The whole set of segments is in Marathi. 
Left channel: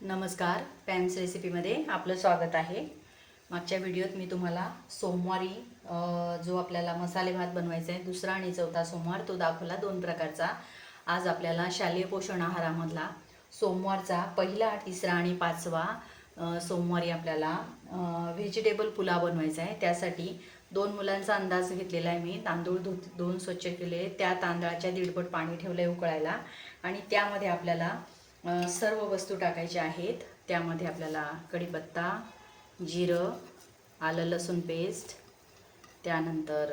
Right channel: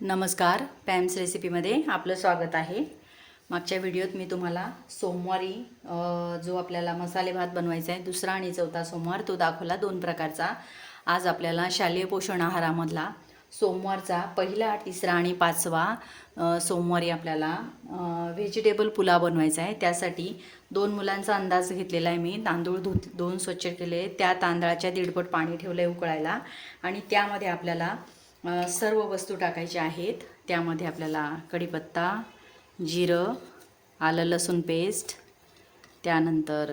नमस्कार पॅम्स रेसिपीमध्ये आपलं स्वागत आहे. मागच्या व्हिडिओत मी तुम्हाला सोमवारी जो आपल्याला मसाले भात बनवायचा आहे दुसरा आणि चौथा सोमवार तो दाखवला दोन प्रकारचा. आज आपल्याला शालेय पोषण आहारामधला सोमवारचा पहिला तिसरा आणि पाचवा सोमवारी आपल्याला व्हेजिटेबल पुलाव बनवायचा आहे. त्यासाठी दोन मुलांचा अंदाज घेतलेला आहे मी. तांदूळ धुत दोन स्वच्छ केले. त्या तांदळाच्या दीडपट पाणी ठेवलं आहे उकळायला आणि त्यामध्ये आपल्याला सर्व वस्तू टाकायच्या आहेत. त्यामध्ये आपल्याला कढीपत्ता जिरं आलं लसूण पेस्ट त्यानंतर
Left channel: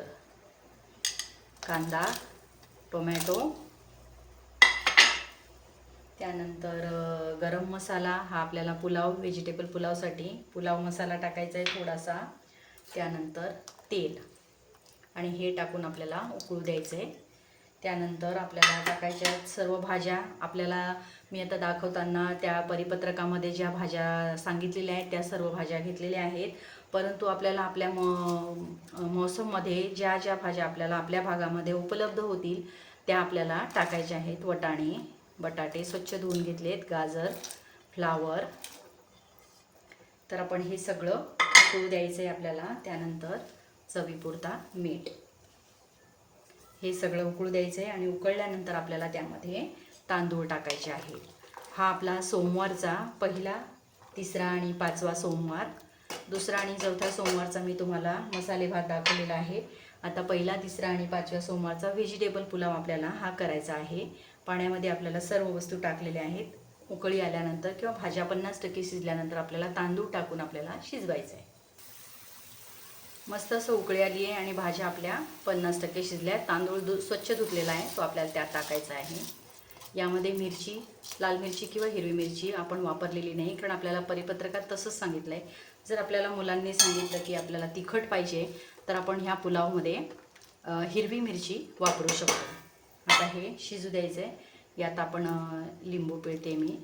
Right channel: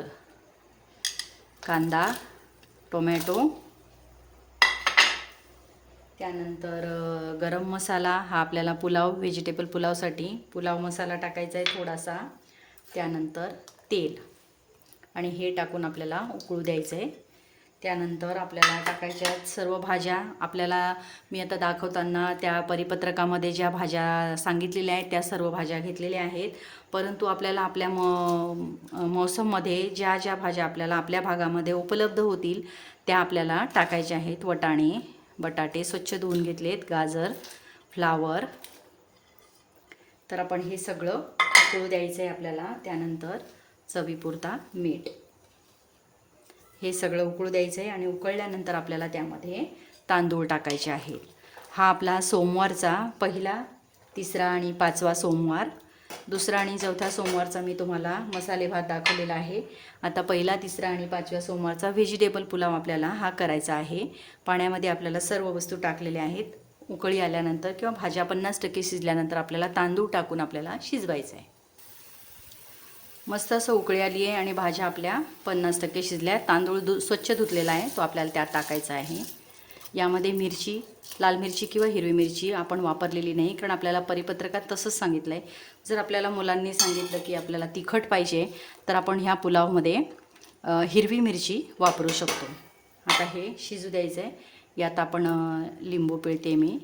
कांदा टोमॅटो त्यानंतर गरम मसाला हा आपल्याला पुलाव व्हेजिटेबल पुलावसाठी पुलाव मसाला टाकायचा आहे थोडासा. त्यानंतर तेल. आणि हे टाकून आपल्याला उकळू द्यायचं आहे त्यानंतर आपल्याला टाकायच्या आहेत सर्व भाज्या. आपल्याला मी आता दाखवताना त्या परिपत्रकामध्ये ज्या भाज्या सांगितलेल्या आहेत त्या सर्व भाज्या घेतलेल्या आहेत. परंतु आपल्याला आपल्या म मौसममध्ये ज्या ज्या भाज्या आपल्याला आपल्या भागामध्ये उपलब्ध होतील त्या आपल्याला टाकायच्या आहेत. वटाणे बटाटे स्वच्छ धुवून घेतलेत गाजर फ्लावर. तर आपण हे सगळं उकळू द्यायचं आहे आपल्याला. त्यानंतर चवीपुरता मीठ. हे सगळं उकळू द्यायचं आहे आणि उकळल्यानंतर आपल्याला त्यामध्ये तांदूळ टाकायचे आहे. हा आपला सोमवारचा पहिला तिसरा आणि पाचवा सोमवार. दुसरा आणि चौथ्या सोमवारचा मी तुम्हाला मसाले भात दाखवलेला आहे. आता पहिला तिसरा आणि पाचव्या सोमवारचा व्हेजिटेबल पुलाव आपल्याला हा करायचा आहे. पाण्यामध्ये आपल्याला सर्व वस्तू टाकलेल्या आहेत. उकळी आल्यानंतर किंवा भाज्या पन्नास टक्के शिजल्यानंतर आपल्याला तांदूळ टाकून आपल्याला शिजवायचं आहे मस्त असं उकळी आली आहे आणि भाज्या आपल्या पन्नास टक्के शिजल्या आहेत. तांदूळ धु स्वच्छ धुतलेला आहे. तो आपल्याला त्यात टाकायचा आहे. यामध्ये मिरची लाल मिरची किंवा हिरवी मिरची आपण वापरलेली नाही कारण आपल्याला परिपत्रकात तसंच सांगितलं आहे जर आपल्याला मुलांनी सांगितलं की आपल्याला तिखट पाहिजे तर आपण ह्या पुलावमध्ये हिरवी मिरची वापरू शकतो. आता हे शिजू द्यायचं आहे यात आपण लिंबू पिळते मी.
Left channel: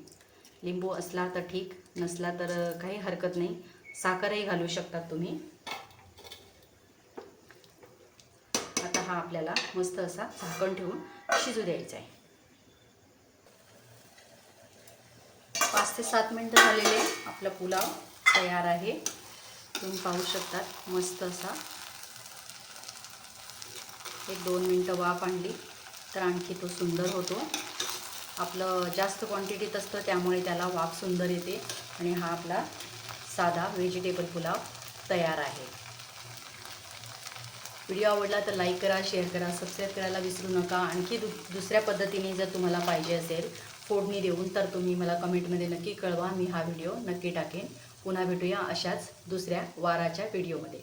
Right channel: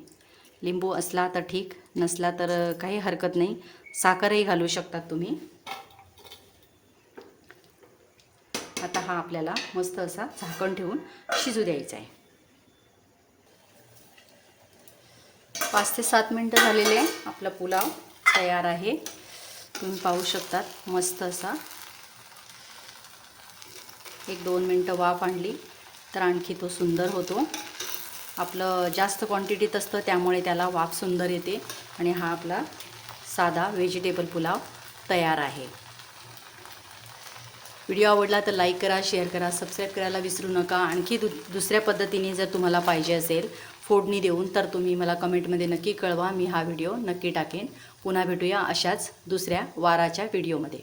लिंबू असला तर ठीक नसला तर काही हरकत नाही. साखरही घालू शकतात तुम्ही. चहा हा आपल्याला मस्त असा झाकण ठेवून शिजू द्यायचा आहे. पाच ते सात मिनटं झालेले आहे. आपला पुलाव तयार आहे. तुम्ही पाहू शकतात मस्त असा. एक दोन मिनटं वाफ आणली तर आणखी तो सुंदर होतो. आपलं जास्त क्वांटिटीत असतं त्यामुळे त्याला वाफ सुंदर येते. आणि हा आपला साधा व्हेजिटेबल पुलाव तयार आहे. व्हिडिओ आवडला तर लाईक करा शेअर करा सबस्क्राईब करायला विसरू नका. आणखी दु दुसऱ्या पद्धतीने जर तुम्हाला पाहिजे असेल फोडणी देऊन तर तुम्ही मला कमेंटमध्ये नक्की कळवा. मी हा व्हिडिओ नक्की टाकेन. पुन्हा भेटूया अशाच दुसऱ्या वाराच्या व्हिडिओमध्ये.